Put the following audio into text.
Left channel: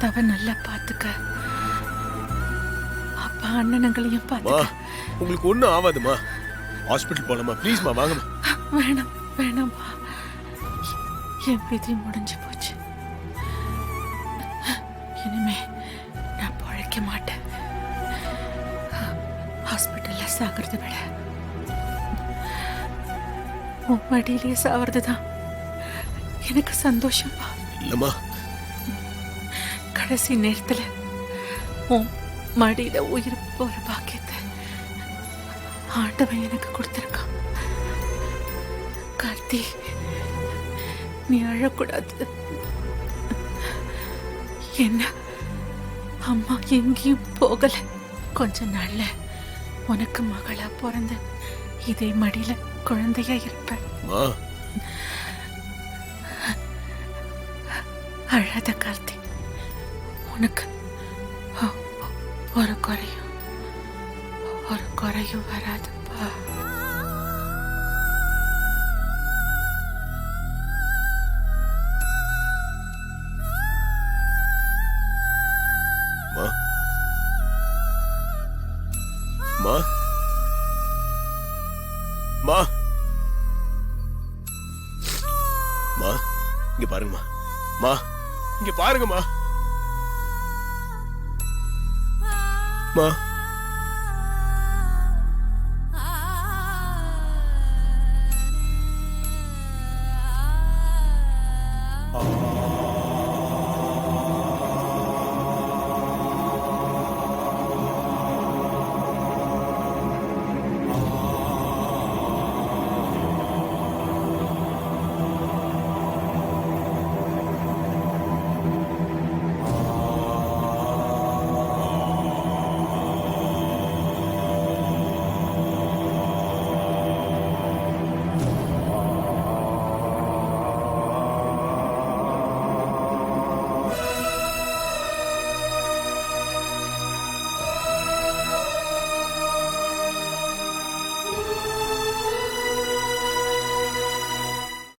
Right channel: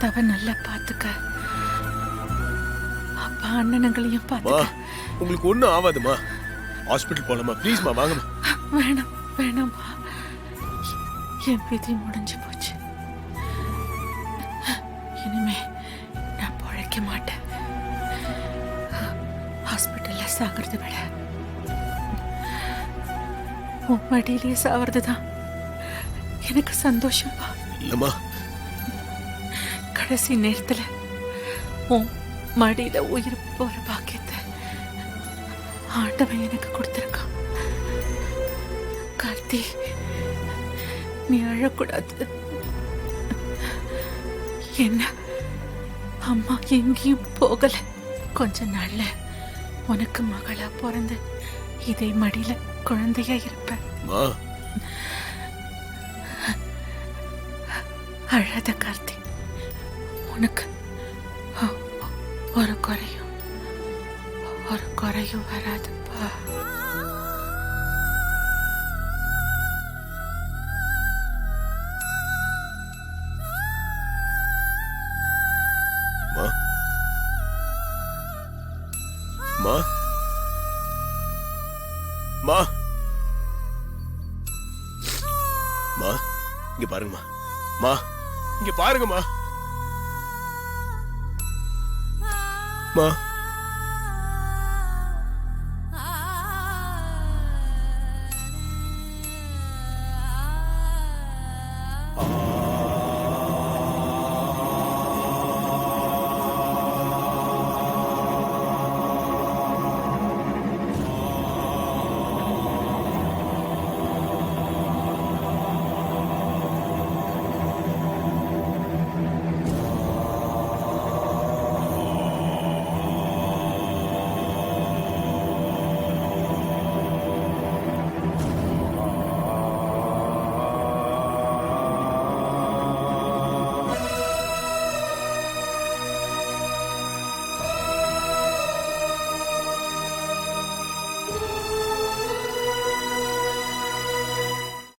ஆத்தாவை நல்லா பாத்துக்க, அப்பா அண்ணனங்களையும் பாத்துக்க. உங்களுக்கு ஒண்ணும் ஆகாதுமா. ஹாஸ்பிட்டல் போலாமா? ப்ளீஸ்மா வாங்கம்மா. வேணாம் வேணாம்பா, என் விதி முடிஞ்சு போச்சு. இனிமே நான் பொழைக்க மாட்டேன். ஹாஸ்பிட்டல்ல சாகிறத விட உன் மடியிலேயே சாவறதுதான் எனக்கு சந்தோஷம்பா. இல்லம்மா, கடைசி நேரத்துல உன் மடியில உயிர் போற பாக்கியத்தை ஆண்டவன் எனக்கு கொடுத்திருக்கான். கார்த்தி, நீ அழக்கூடாது. என்ன அம்மா எங்கேயும் போகல. கொஞ்ச நாள்ல உனக்கு மகளா பிறந்து இதே மடியில குழந்தையா இருப்ப. அழாத கார்த்தி, உனக்கு ஒரு குறையும் வராதுப்பா. மா மா மா இங்க பாருங்கம்மா. மா இங்க பாருங்கம்மா. மா